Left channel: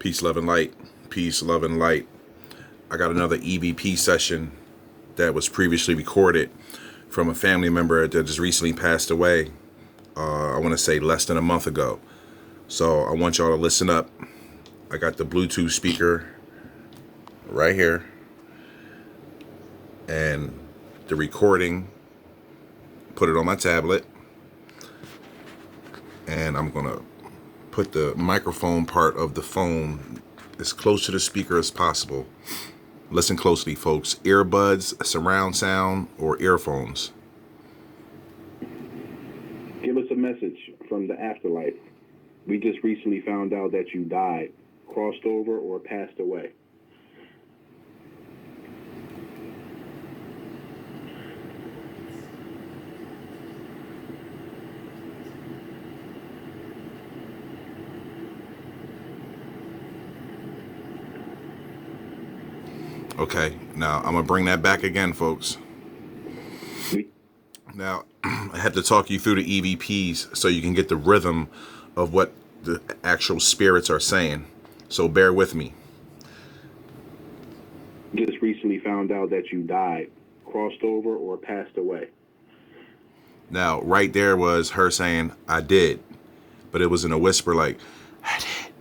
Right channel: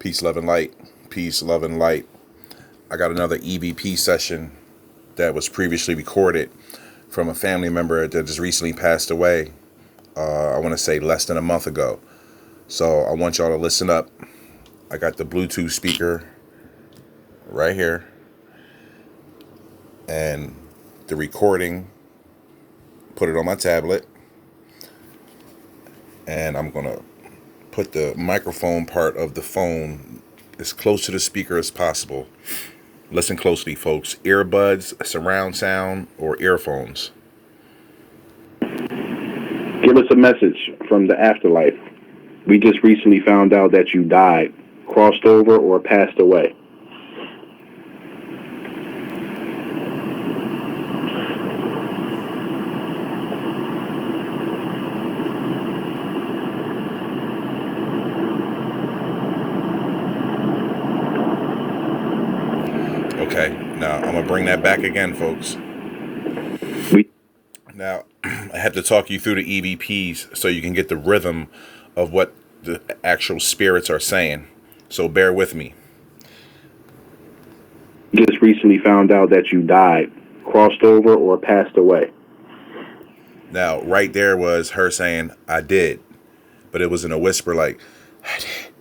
Peace, love, and light. Peace, love, and light. I got another EVP session that was previously recorded from a family member that just recently passed away. I want to say less than a month ago. So I want y'all to listen up. I got the Bluetooth speaker right here and the recording. Put it on my tablet. And I'm going to put the microphone part of the phone as close to the speaker as possible. Listen closely, folks. Earbuds, surround sound, or earphones. Give us a message from the afterlife. We just recently found out that you died, crossed over, or passed away. Okay, now I'm going to bring that back again, folks. Now, I had to talk you through the EVPs so you can get the rhythm of what the actual spirits are saying. So bear with me. Just recently found out that you died, crossed over, or passed away. Now, right there was her saying, I did. But it was in a whisper like, I did.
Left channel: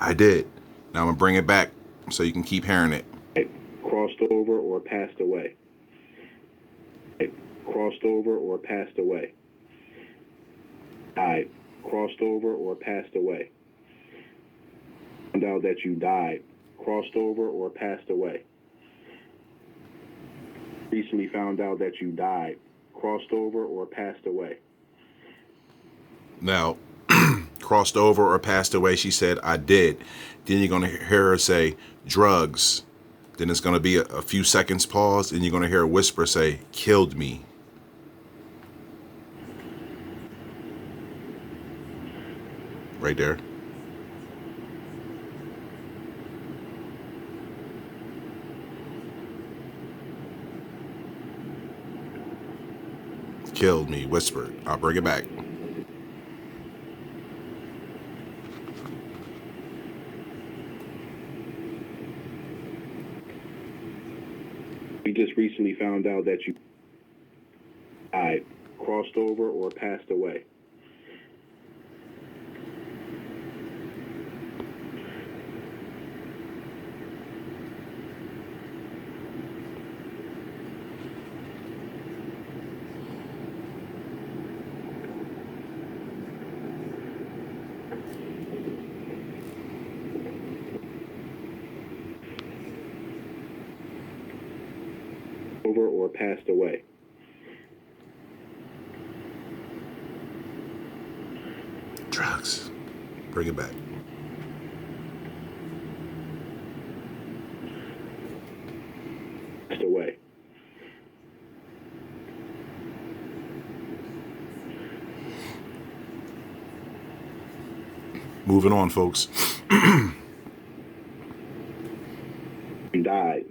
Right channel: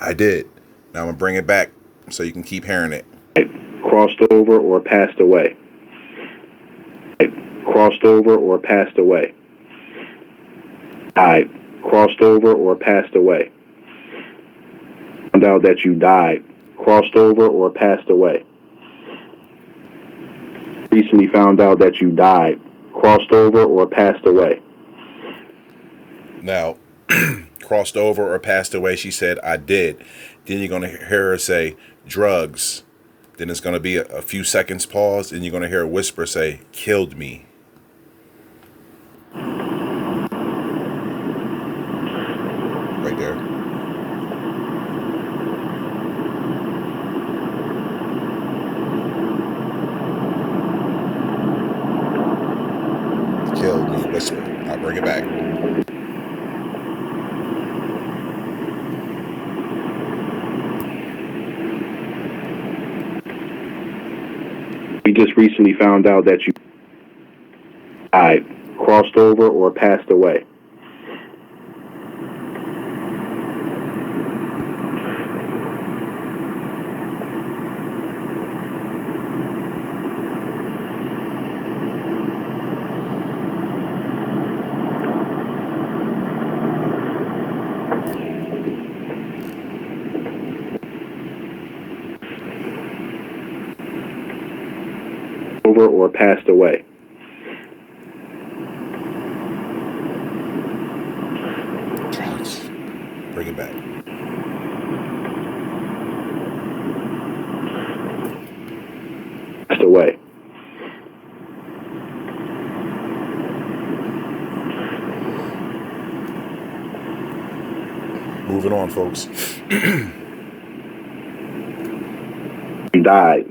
I did. Now I'm going to bring it back so you can keep hearing it. Crossed over or passed away. Crossed over or passed away. Died. Crossed over or passed away. Found out that you died. Crossed over or passed away. Recently found out that you died. Crossed over or passed away. Now, crossed over or passed away, she said, I did. Then you're going to hear her say, drugs. Then it's going to be a few seconds pause, and you're going to hear a whisper say, killed me. Right there. Killed me, whisper. I'll bring it back. We just recently found out that you died, crossed over, or passed away. Over or passed away. Drugs. Bring it back. Passed away. Moving on, folks. You died.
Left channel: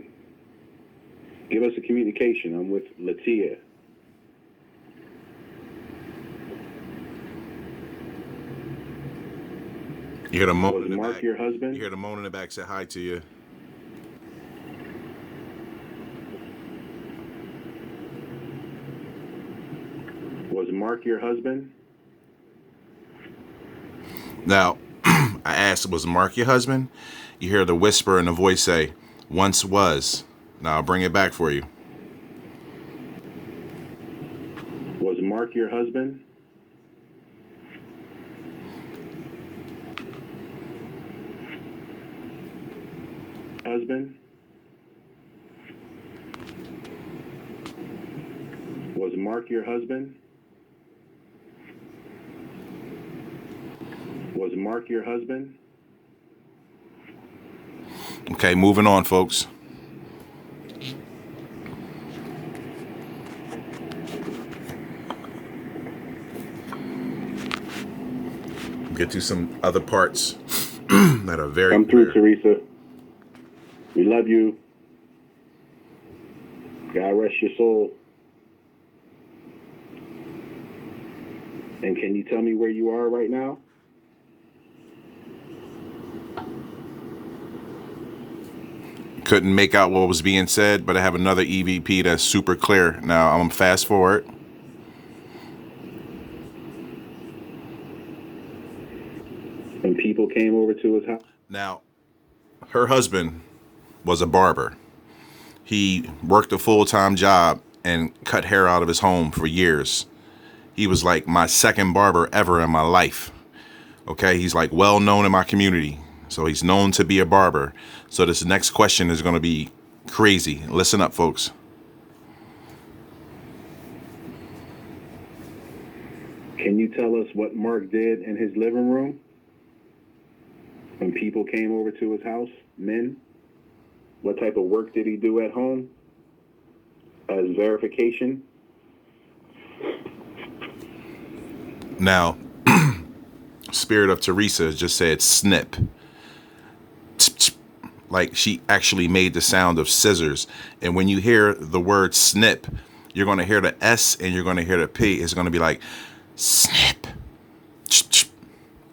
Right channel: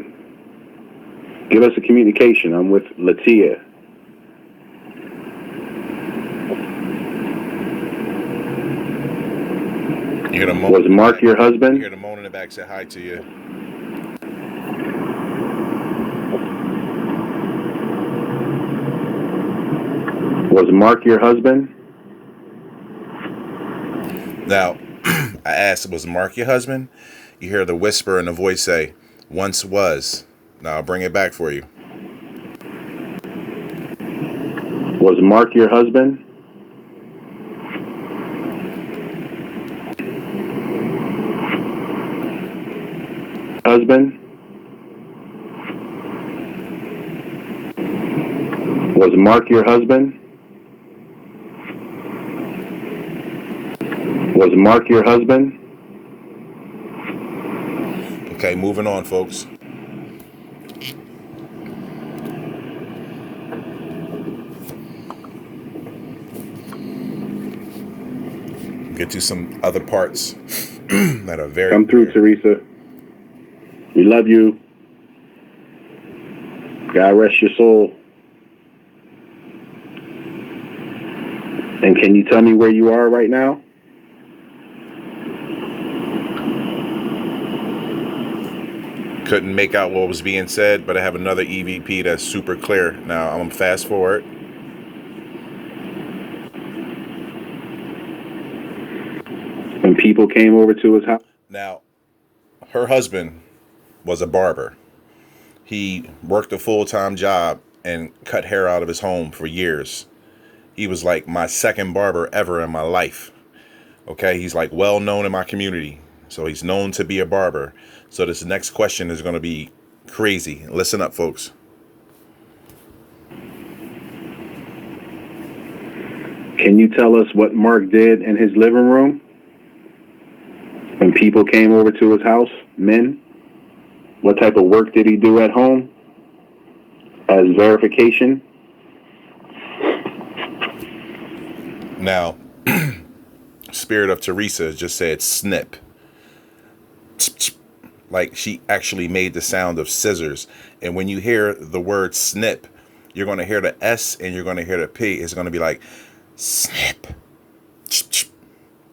Give us a communication. I'm with Latia. You hear the moan. Was Mark your husband? You hear the moan in the back say hi to you. Was Mark your husband? Now, I asked, was Mark your husband? You hear the whisper in the voice say, once was. Now I'll bring it back for you. Was Mark your husband? Husband? Was Mark your husband? Was Mark your husband? Okay, moving on, folks. Get to some other parts that are very Come through, clear. Teresa. We love you. God rest your soul. And can you tell me where you are right now? Couldn't make out what was being said, but I have another EVP that's super clear. Now, I'm going to fast forward. When people came over to his house. Now, her husband was a barber. He worked a full-time job and cut hair out of his home for years. He was like my second barber ever in my life. Okay, he's like well known in my community. So he's known to be a barber. So this next question is going to be crazy. Listen up, folks. Can you tell us what Mark did in his living room when people came over to his house, men? What type of work did he do at home as verification? Now, Spirit of Teresa just said snip. Like she actually made the sound of scissors. And when you hear the word snip, you're going to hear the S and you're going to hear the P. It's going to be like snip.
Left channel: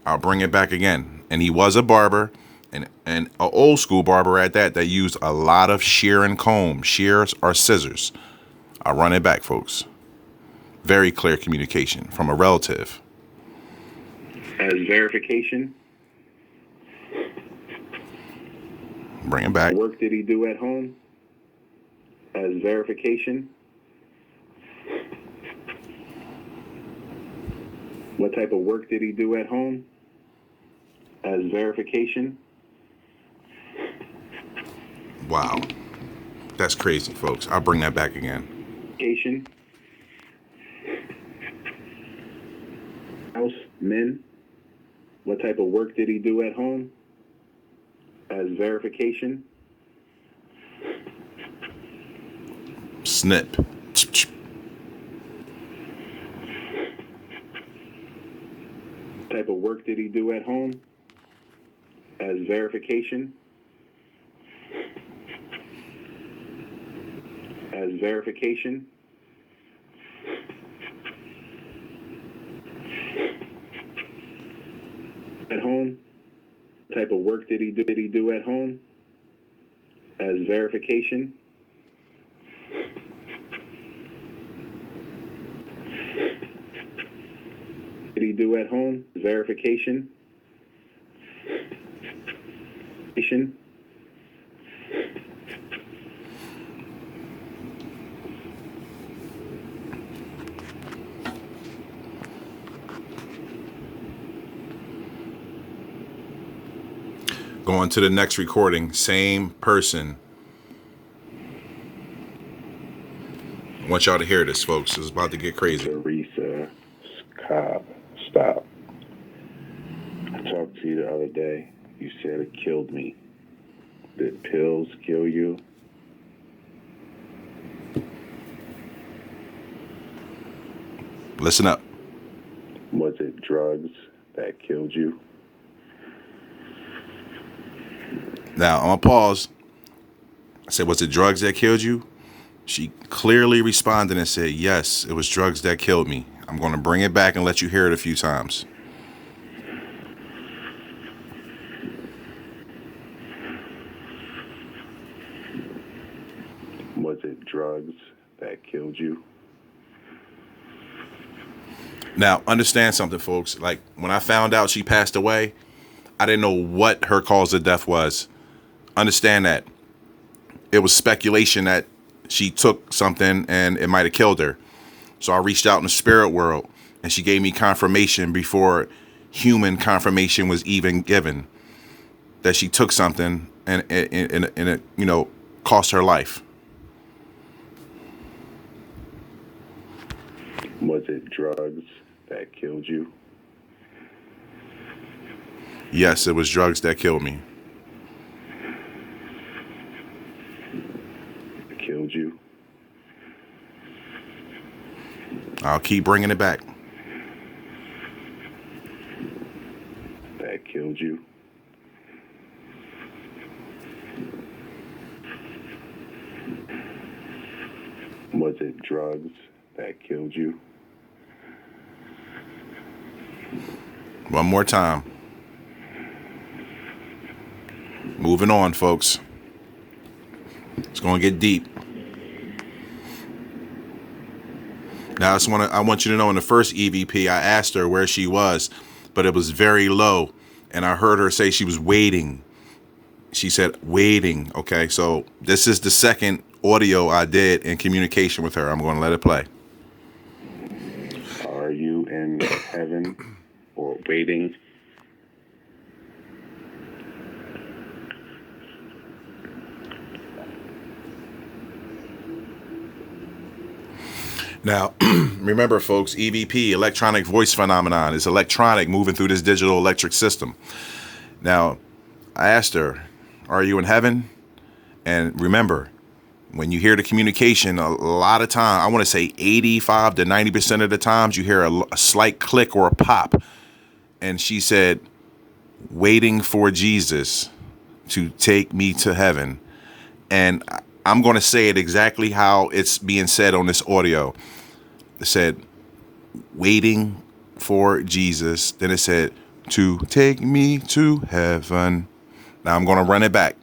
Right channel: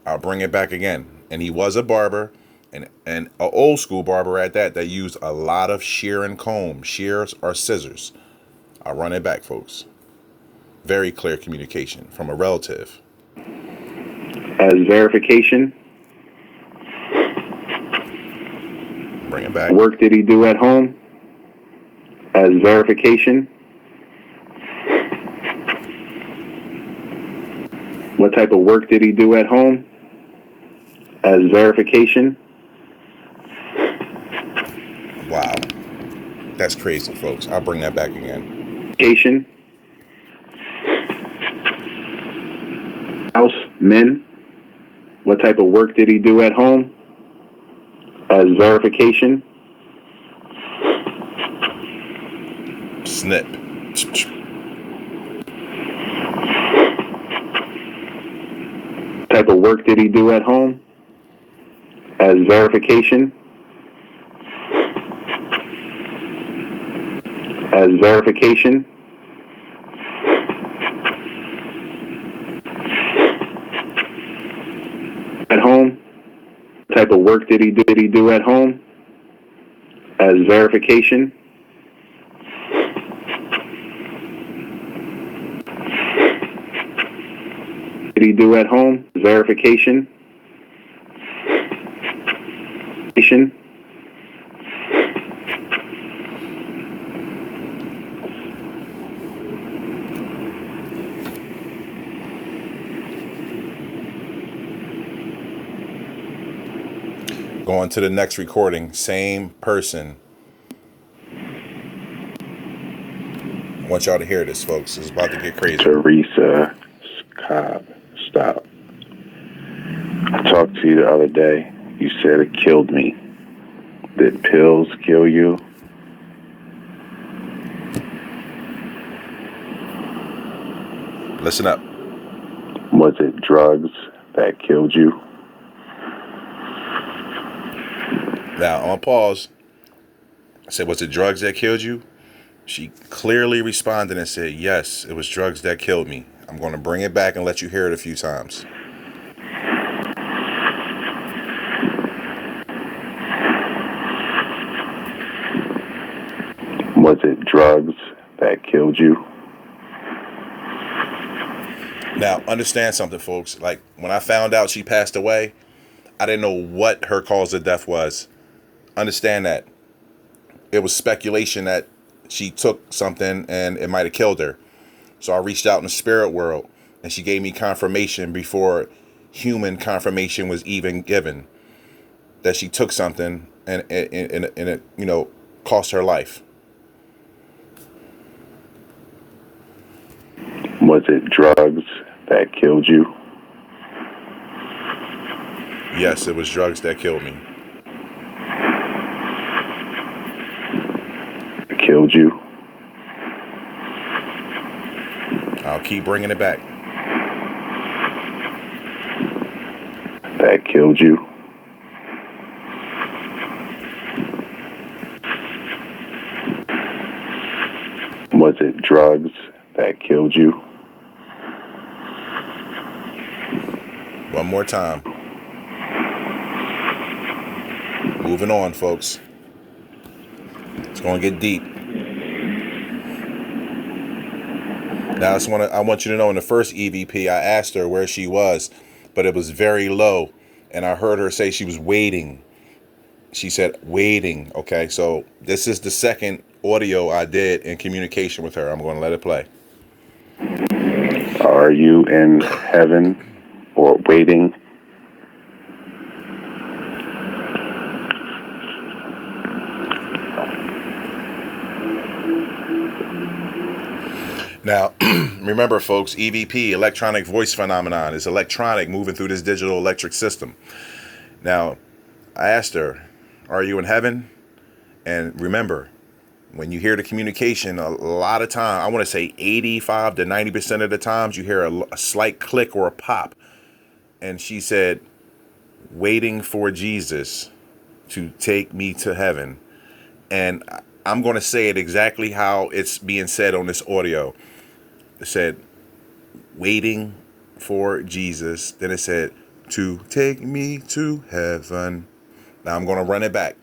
I'll bring it back again. And he was a barber, and an old school barber at that used a lot of shear and comb. Shears or scissors. I'll run it back, folks. Very clear communication from a relative. As verification? Bring it back. Work did he do at home as verification? What type of work did he do at home as verification? Wow. That's crazy, folks. I'll bring that back again. Verification. House, men. What type of work did he do at home as verification? Snip. Type of work did he do at home as verification? As verification? At home? Type of work did he do at home as verification? Did he do at home verification? Going to the next recording, same person. I want y'all to hear this, folks. It's about to get crazy. Teresa Cobb, stop. I talked to you the other day. You said it killed me. Did pills kill you? Listen up. Was it drugs that killed you? Now, I'm going to pause. I said, was it drugs that killed you? She clearly responded and said, yes, it was drugs that killed me. I'm going to bring it back and let you hear it a few times. Was it drugs that killed you? Now, understand something, folks. Like, when I found out she passed away, I didn't know what her cause of death was. Understand that. It was speculation that she took something and it might have killed her. So I reached out in the spirit world and she gave me confirmation before human confirmation was even given that she took something and it, cost her life. Was it drugs that killed you? Yes, it was drugs that killed me. Killed you? I'll keep bringing it back. That killed you? Was it drugs that killed you? One more time. Moving on, folks. It's going to get deep. Now, I want you to know in the first EVP, I asked her where she was, but it was very low. And I heard her say she was waiting. She said waiting. Okay, so this is the second audio I did in communication with her. I'm going to let it play. Are you in heaven or waiting? Now, remember, folks, EVP, electronic voice phenomenon, is electronic moving through this digital electric system. Now, I asked her, are you in heaven? And remember, when you hear the communication, a lot of time, I want to say 85 to 90% of the times, you hear a slight click or a pop. And she said, waiting for Jesus to take me to heaven. And I'm going to say it exactly how it's being said on this audio. It said, waiting for Jesus. Then it said, to take me to heaven. Now I'm going to run it back.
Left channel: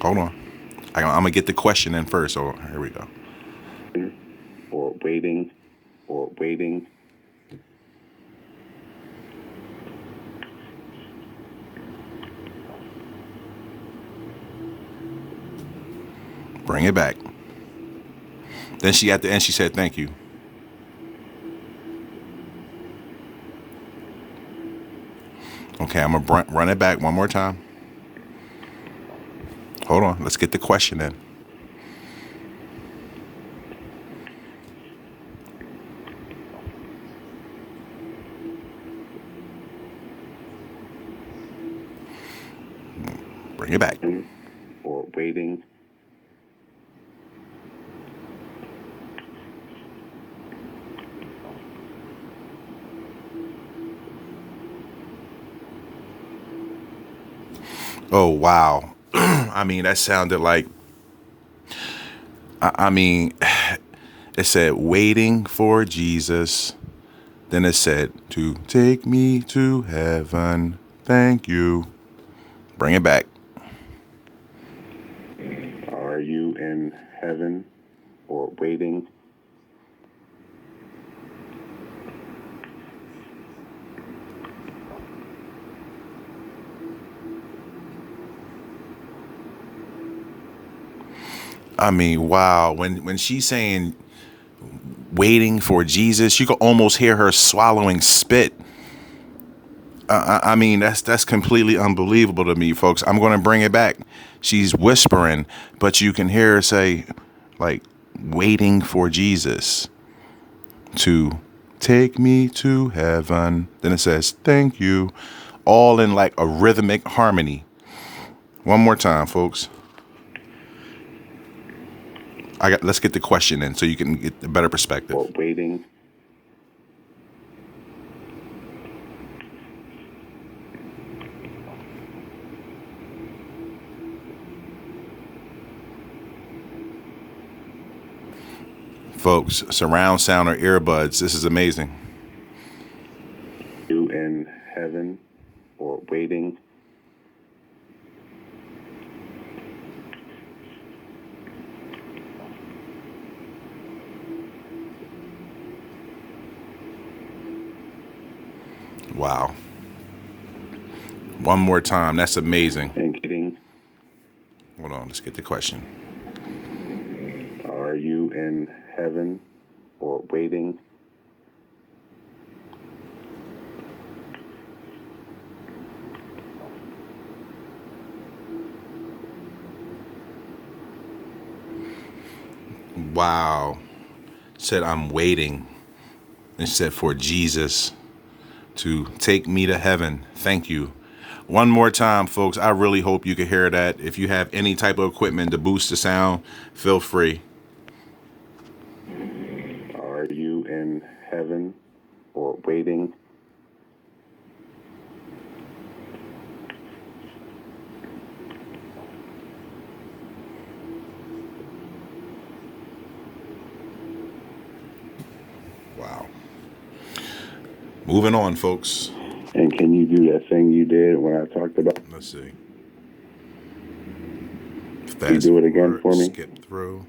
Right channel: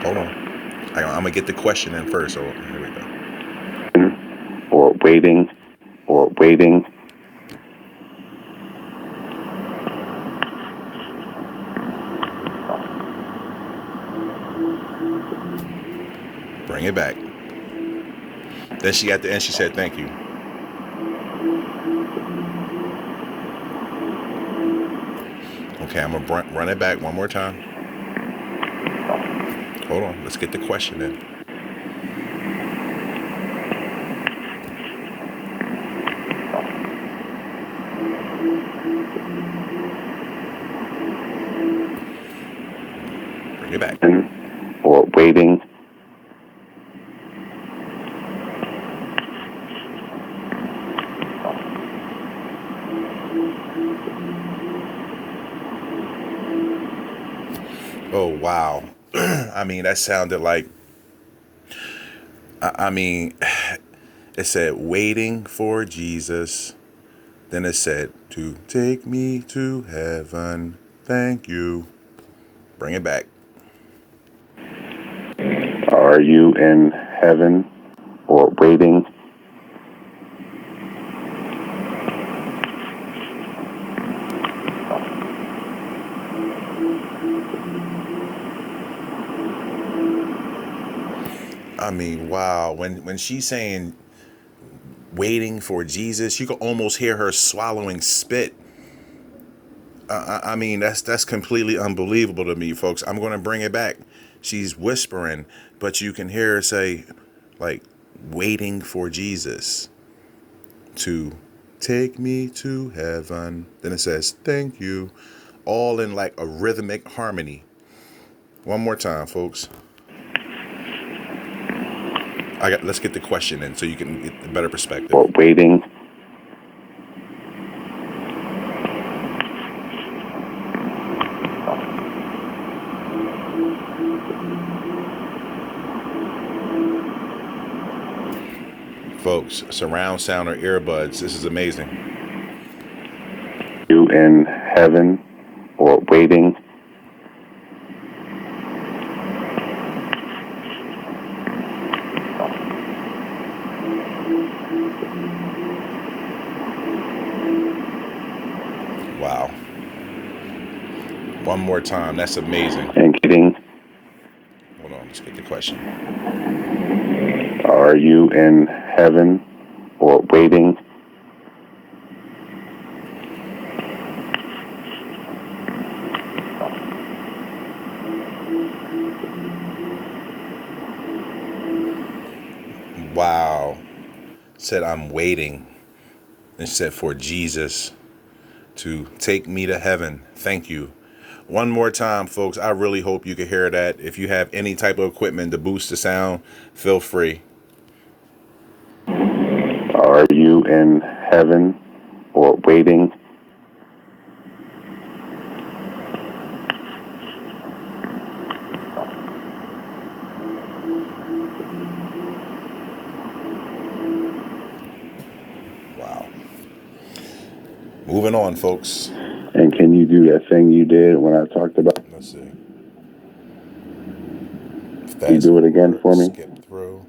Hold on. I'm going to get the question in first. So here we go. Or waiting or waiting. Bring it back. Then she at the end, she said, thank you. Okay, I'm going to run it back one more time. Hold on. Let's get the question in. Bring it back. Or waiting. Oh, wow. I mean, that sounded like, I mean, it said waiting for Jesus. Then it said to take me to heaven. Thank you. Bring it back. Are you in heaven or waiting? I mean, wow. When she's saying waiting for Jesus, you can almost hear her swallowing spit. I mean, that's completely unbelievable to me, folks. I'm going to bring it back. She's whispering, but you can hear her say, like, waiting for Jesus to take me to heaven. Then it says, thank you, all in like a rhythmic harmony. One more time, folks. Let's get the question in so you can get a better perspective. Or waiting. Folks, surround sound or earbuds. This is amazing. You in heaven or waiting? Wow. One more time. That's amazing. And getting. Hold on. Let's get the question. Are you in heaven or waiting? Wow. Said, I'm waiting. It said, for Jesus to take me to heaven. Thank you. One more time, folks. I really hope you can hear that. If you have any type of equipment to boost the sound, feel free. Are you in heaven or waiting? Wow. Moving on, folks. And Can you do that thing you did when I talked about? Let's see. Can you do it again for me? Skip through.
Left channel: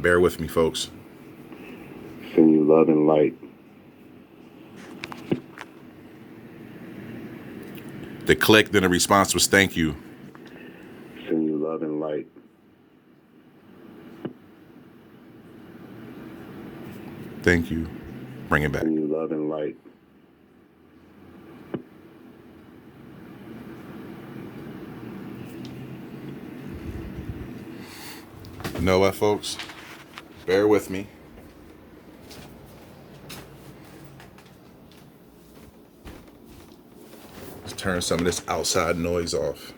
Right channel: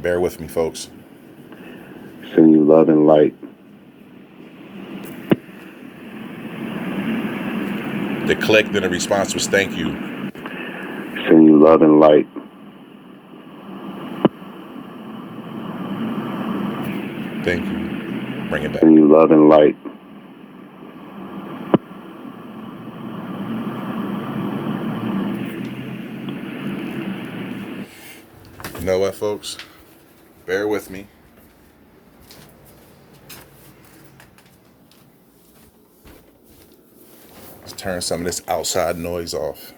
Bear with me, folks. Send you love and light. They clicked and the response was thank you. Send you love and light. Thank you. Bring it back. Send you love and light. You know what, folks? Bear with me. Let's turn some of this outside noise off.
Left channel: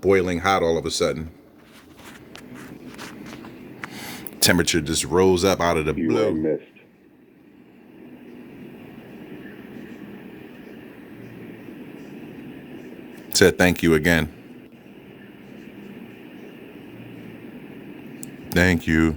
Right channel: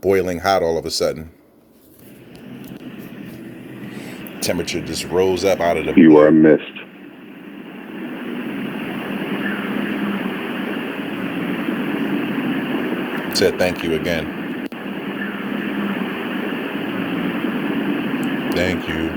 Boiling hot all of a sudden. Temperature just rose up out of the blue. You are missed. Said thank you again. Thank you.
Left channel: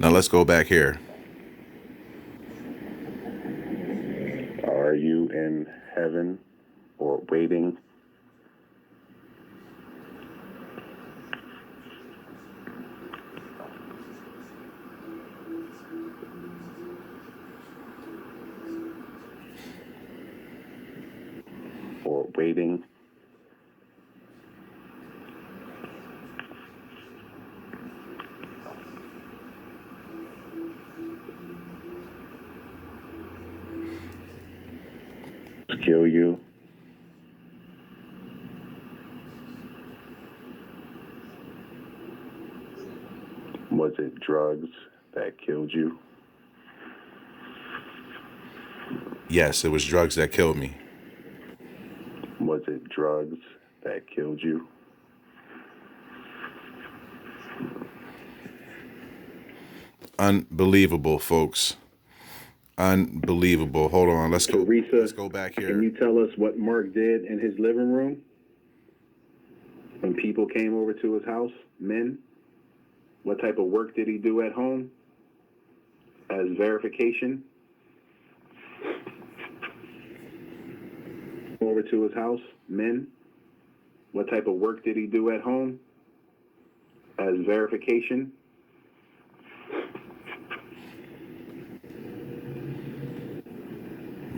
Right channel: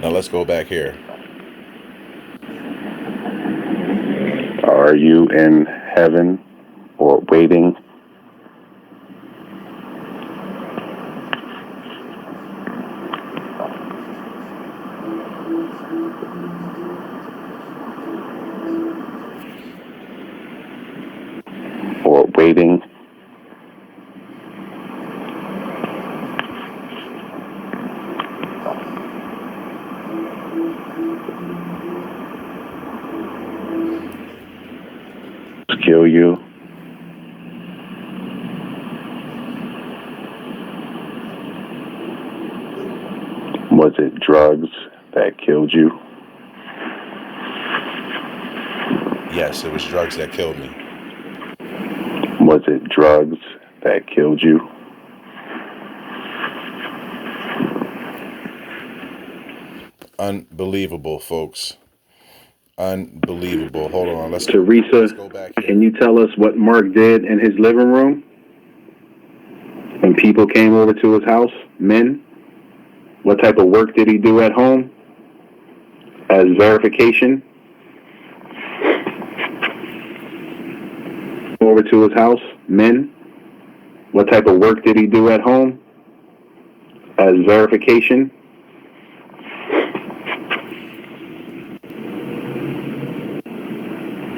Now let's go back here. Are you in heaven or waiting? Or waiting? Kill you? Was it drugs that killed you? Yes, it was drugs that killed me. Was it drugs that killed you? Unbelievable, folks. Unbelievable. Hold on. Let's Teresa, go back here. can you tell us what Mark did in his living room when people came over to his house? Men? What type of work did he do at home as verification? Over to his house? Men? What type of work did he do at home as verification?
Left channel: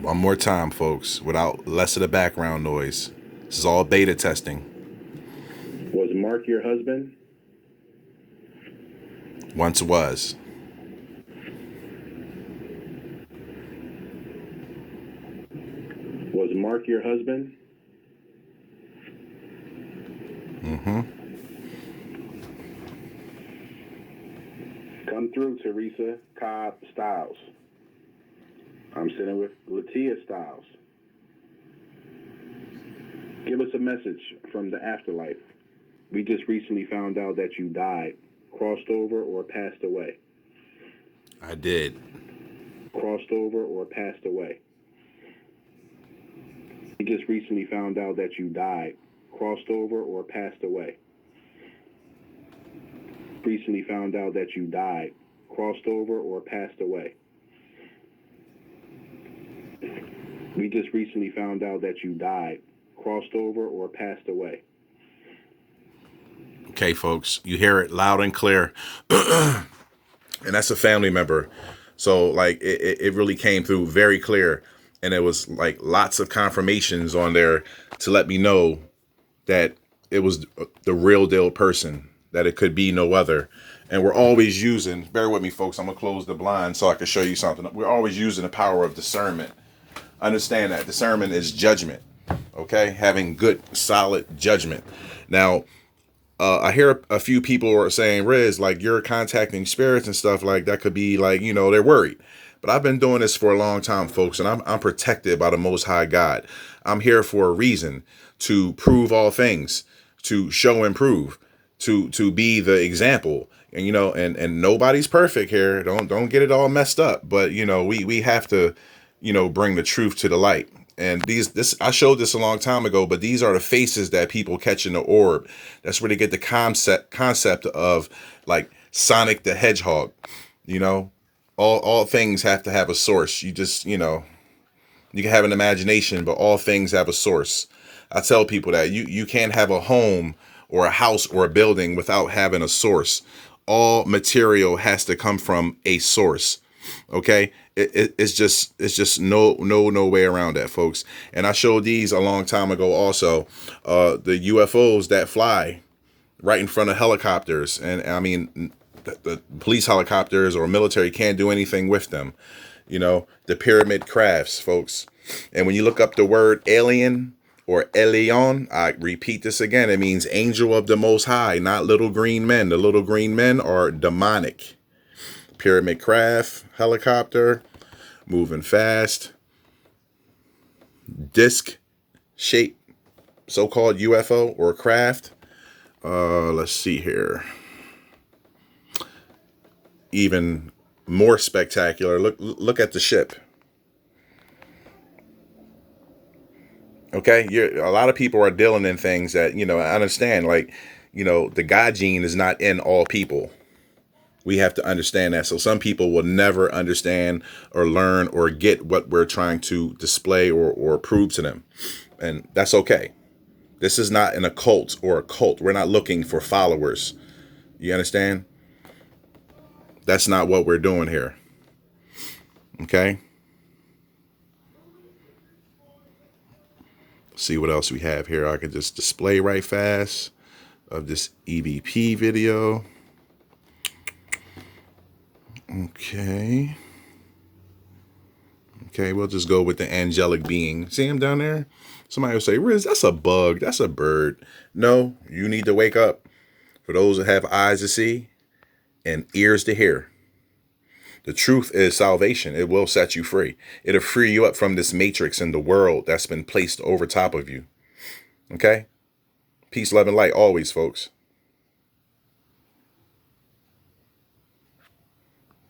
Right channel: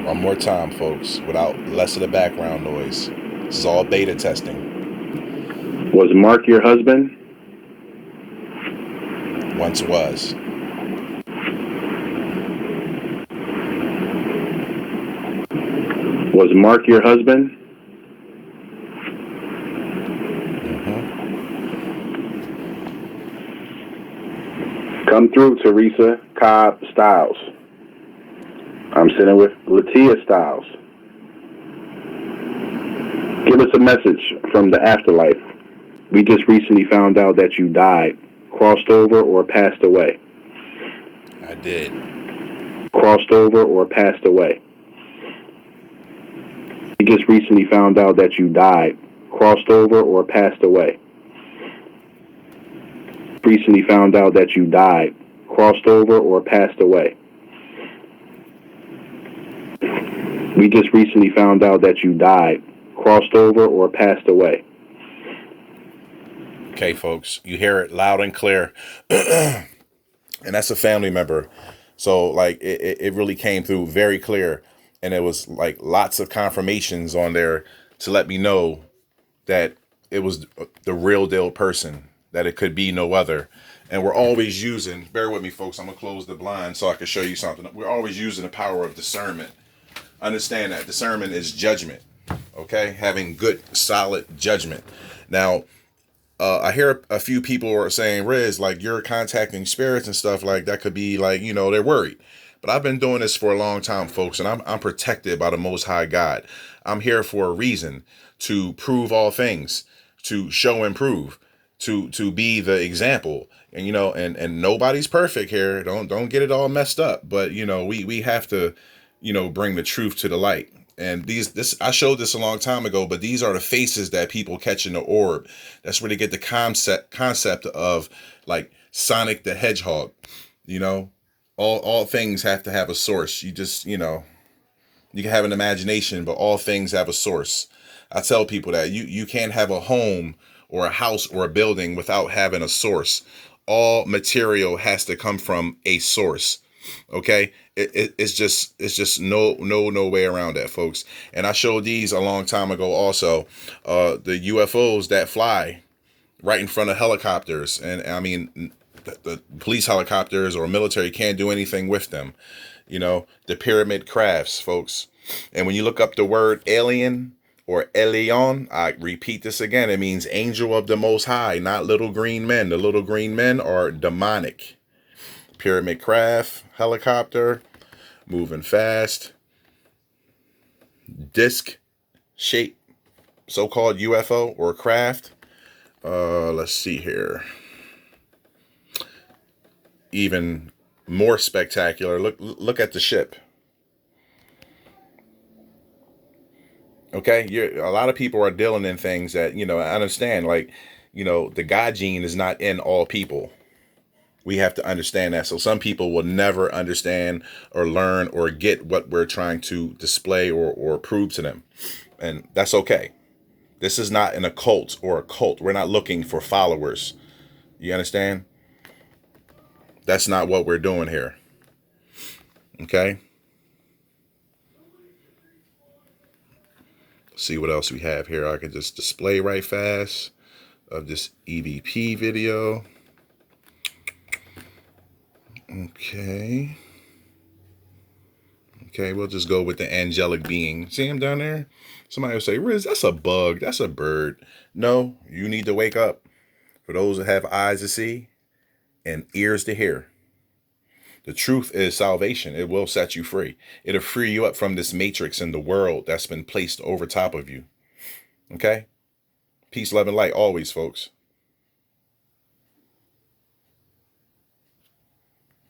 One more time, folks, without less of the background noise. This is all beta testing. Was Mark your husband? Once was. Was Mark your husband? Come through, Teresa Cobb Styles. I'm sitting with Latia Styles. Give us a message from the afterlife. We just recently found out that you died, crossed over, or passed away. I did. Crossed over or passed away. We just recently found out that you died, crossed over, or passed away. Recently found out that you died, crossed over, or passed away. We just recently found out that you died, crossed over, or passed away. Okay, folks, you hear it loud and clear. And that's a family member. So, like, it really came through very clear. And it was, like, lots of confirmations on there to let me know that it was the real deal person, that it could be no other. And we're always using, bear with me, folks, I'm going to close the blind so I can show you something. We're always using the power of discernment. Understand that discernment is judgment, okay? Having good, solid judgment. Now, I hear a few people are saying, Riz, like, you're contacting spirits and stuff like that could be like, you know, they're worried. But I've been doing this for a long time, folks, and I'm protected by the Most High God. I'm here for a reason, to prove all things, to show and prove, to be the example. And and nobody's perfect here. Don't get it all messed up. But we have to, bring the truth to the light. And this I showed this a long time ago, but these are the faces that people catch in the orb. That's where they get the concept of like Sonic the Hedgehog. You know, all things have to have a source. You just, you can have an imagination, but all things have a source. I tell people that you can't have a home or a house or a building without having a source. All material has to come from a source. Okay, it's just no way around that, folks. And I showed these a long time ago also, the UFOs that fly right in front of helicopters. And I mean, the police helicopters or military can't do anything with them. The pyramid crafts, folks. And when you look up the word alien or Elion, I repeat this again, it means angel of the Most High, not little green men. The little green men are demonic. Pyramid craft, helicopter, moving fast, disc shape, so-called UFO or craft. Let's see here. Even more spectacular. Look at the ship. Okay, a lot of people are dealing in things that I understand. Like, the God gene is not in all people. We have to understand that. So some people will never understand or learn or get what we're trying to display or prove to them, and that's okay. This is not an occult or a cult. We're not looking for followers. You understand? That's not what we're doing here. Okay. See what else we have here. I can just display right fast of this EVP video. Okay. Okay, we'll just go with the angelic being. See him down there? Somebody will say, Riz, that's a bug. That's a bird. No, you need to wake up. For those that have eyes to see and ears to hear. The truth is salvation. It will set you free. It'll free you up from this matrix in the world that's been placed over top of you. Okay? Peace, love, and light always, folks.